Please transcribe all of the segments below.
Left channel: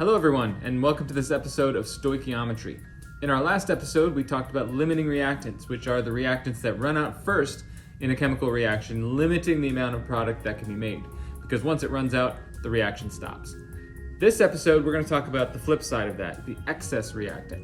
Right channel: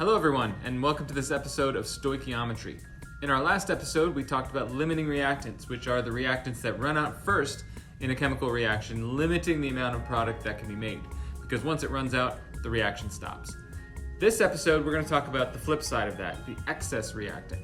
Hello everyone, and welcome to this episode of Stoichiometry. In our last episode, we talked about limiting reactants, which are the reactants that run out first in a chemical reaction, limiting the amount of product that can be made, because once it runs out, the reaction stops. This episode, we're going to talk about the flip side of that, the excess reactant.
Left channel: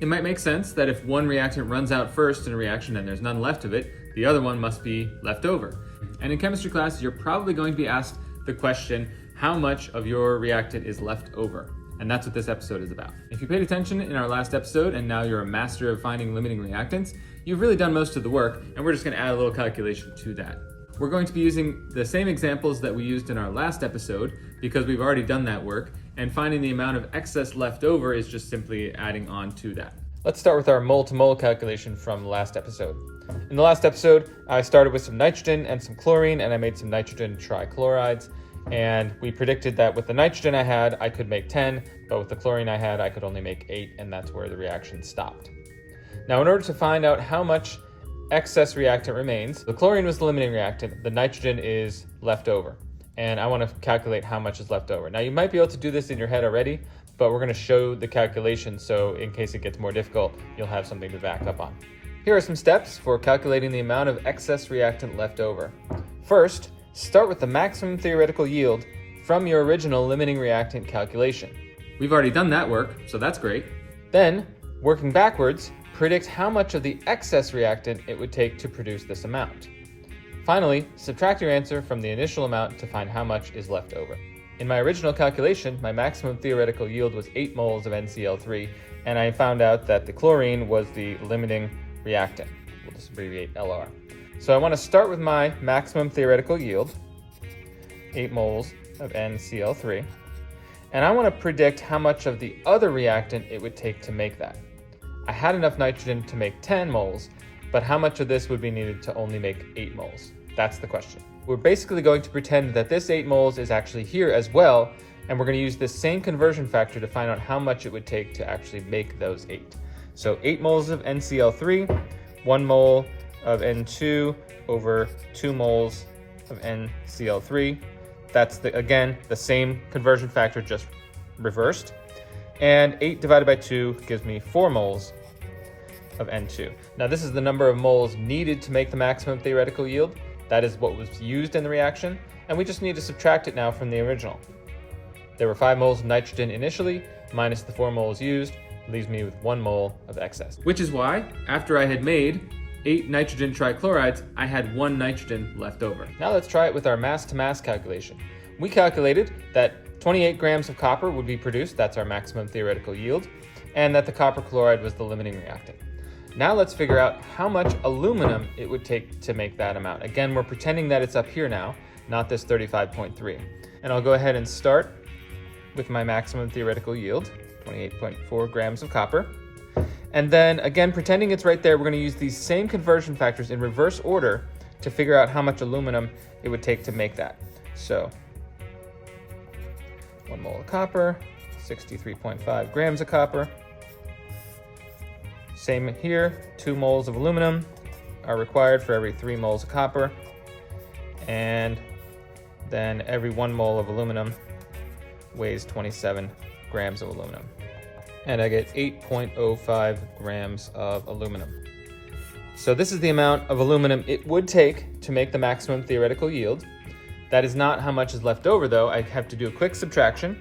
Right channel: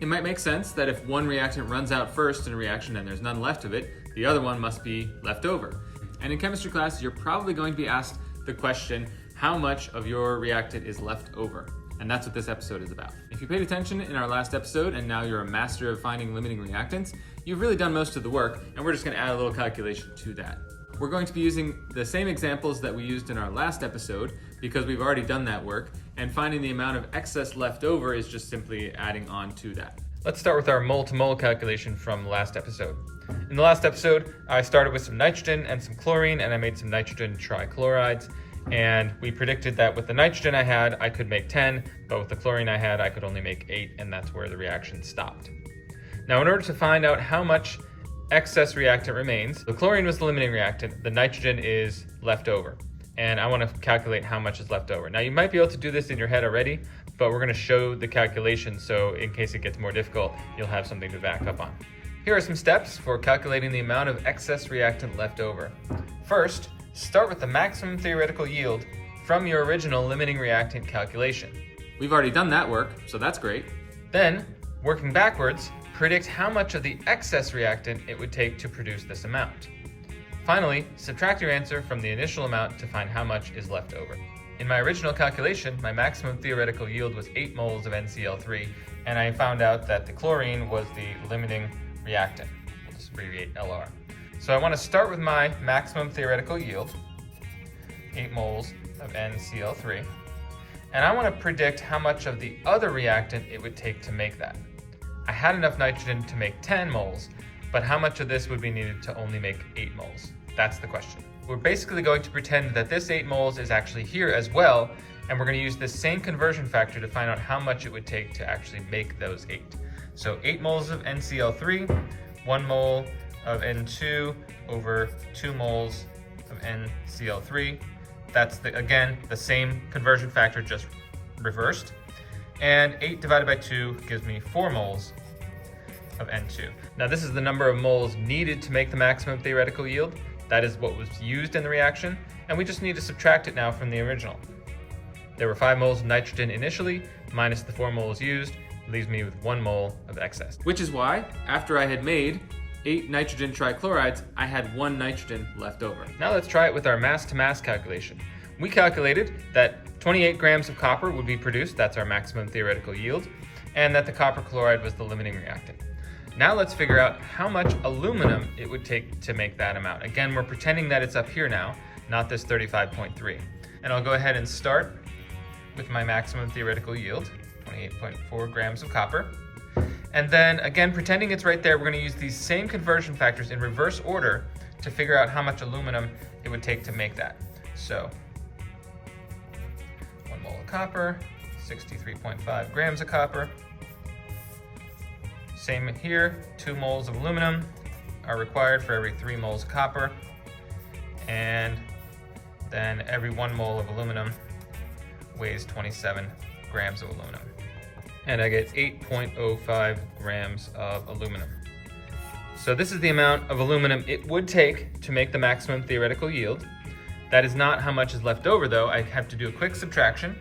It might make sense that if one reactant runs out first in a reaction and there's none left of it, the other one must be left over. And in chemistry class, you're probably going to be asked the question, how much of your reactant is left over? And that's what this episode is about. If you paid attention in our last episode and now you're a master of finding limiting reactants, you've really done most of the work, and we're just going to add a little calculation to that. We're going to be using the same examples that we used in our last episode because we've already done that work, and finding the amount of excess left over is just simply adding on to that. Let's start with our mole-to-mole calculation from the last episode. In the last episode, I started with some nitrogen and some chlorine, and I made some nitrogen trichlorides. And we predicted that with the nitrogen I had, I could make 10, but with the chlorine I had, I could only make 8, and that's where the reaction stopped. Now, in order to find out how much excess reactant remains, the chlorine was the limiting reactant, the nitrogen is left over, and I want to calculate how much is left over. Now, you might be able to do this in your head already, but we're going to show the calculation, so in case it gets more difficult, you'll have something to back up on. Here are some steps for calculating the amount of excess reactant left over. First, start with the maximum theoretical yield from your original limiting reactant calculation. We've already done that work, so that's great. Then, working backwards, predict how much of the excess reactant it would take to produce this amount. Finally, subtract your answer from the initial amount to find how much is left over. In my original calculation, my maximum theoretical yield was 8 moles of NCl3, and I found out that the chlorine was the limiting reactant. We'll just abbreviate LR. So I want to start with my maximum theoretical yield, 8 moles of NCl3, and I want to predict how much of the other reactant it would take to make that. I had enough nitrogen to make 10 moles, but how much of this would be needed to only make 8 moles? That's the question. We're basically going to pretend that this 8 moles is actually here as well, and we're going to use this same conversion factor to find out how much it would take to actually make those 8. So 8 moles of NCl3, 1 mole of N2 over 2 moles of NCl3. That's, again, the same conversion factor, just reversed. And 8 divided by 2 gives me 4 moles of N2. Now, this is the number of moles needed to make the maximum theoretical yield. That is what was used in the reaction, and we just need to subtract it now from the original. There were 5 moles of nitrogen initially, minus the 4 moles used, leaves me with 1 mole of excess. Which is why, after I had made 8 nitrogen trichlorides, I had 1 nitrogen left over. Now let's try it with our mass-to-mass calculation. We calculated that 28 grams of copper would be produced, that's our maximum theoretical yield, and that the copper chloride was the limiting reactant. Now let's figure out how much aluminum it would take to make that amount. Again, we're pretending that it's up here now, not this 35.3. And I'll go ahead and start with my maximum theoretical yield, 28.4 grams of copper. And then, again, pretending it's right there, we're going to use these same conversion factors in reverse order to figure out how much aluminum it would take to make that. So, 1 mole of copper, 63.5 grams of copper. Same here, 2 moles of aluminum are required for every 3 moles of copper. And then every 1 mole of aluminum weighs 27 grams of aluminum. And I get 8.05 grams of aluminum. So this is the amount of aluminum it would take to make the maximum theoretical yield. That is not how much is left over, though. I have to do a quick subtraction,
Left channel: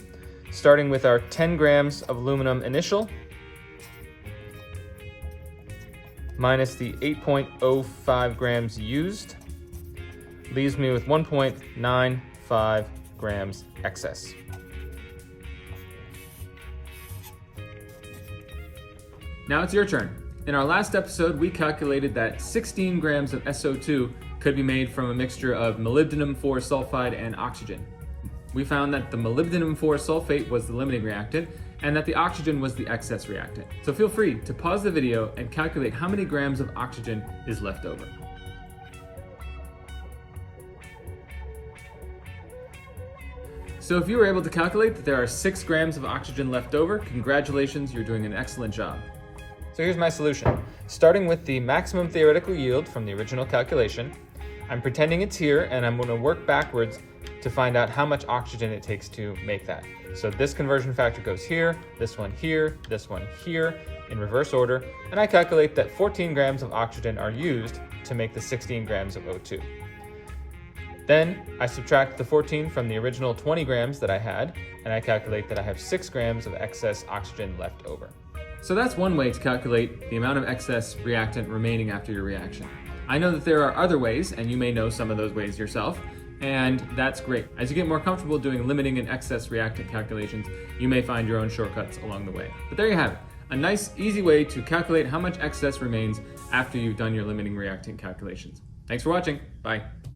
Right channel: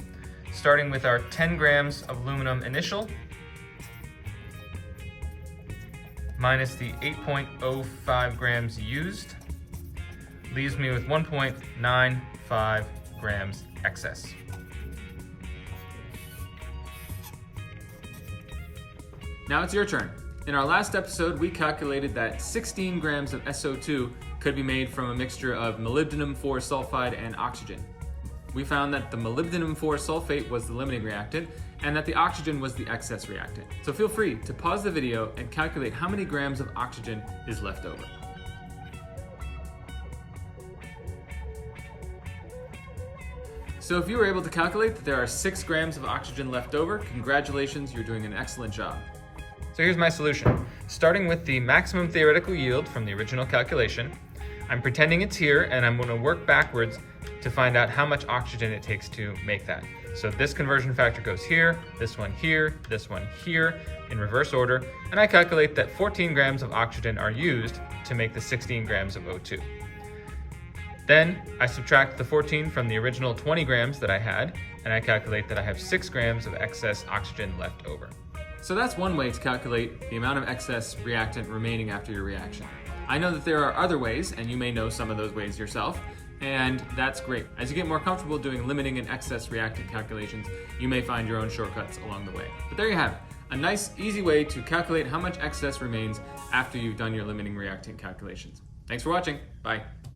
starting with our 10 grams of aluminum initial, minus the 8.05 grams used, leaves me with 1.95 grams excess. Now it's your turn. In our last episode, we calculated that 16 grams of SO2 could be made from a mixture of molybdenum 4 sulfide and oxygen. We found that the molybdenum 4 sulfate was the limiting reactant and that the oxygen was the excess reactant. So feel free to pause the video and calculate how many grams of oxygen is left over. So if you were able to calculate that there are 6 grams of oxygen left over, congratulations, you're doing an excellent job. So here's my solution. Starting with the maximum theoretical yield from the original calculation, I'm pretending it's here and I'm going to work backwards to find out how much oxygen it takes to make that. So this conversion factor goes here, this one here, this one here, in reverse order, and I calculate that 14 grams of oxygen are used to make the 16 grams of O2. Then I subtract the 14 from the original 20 grams that I had, and I calculate that I have 6 grams of excess oxygen left over. So that's one way to calculate the amount of excess reactant remaining after your reaction. I know that there are other ways, and you may know some of those ways yourself, and that's great. As you get more comfortable doing limiting and excess reactant calculations, you may find your own shortcuts along the way. But there you have it, a nice, easy way to calculate how much excess remains after you've done your limiting reactant calculations. Thanks for watching. Bye.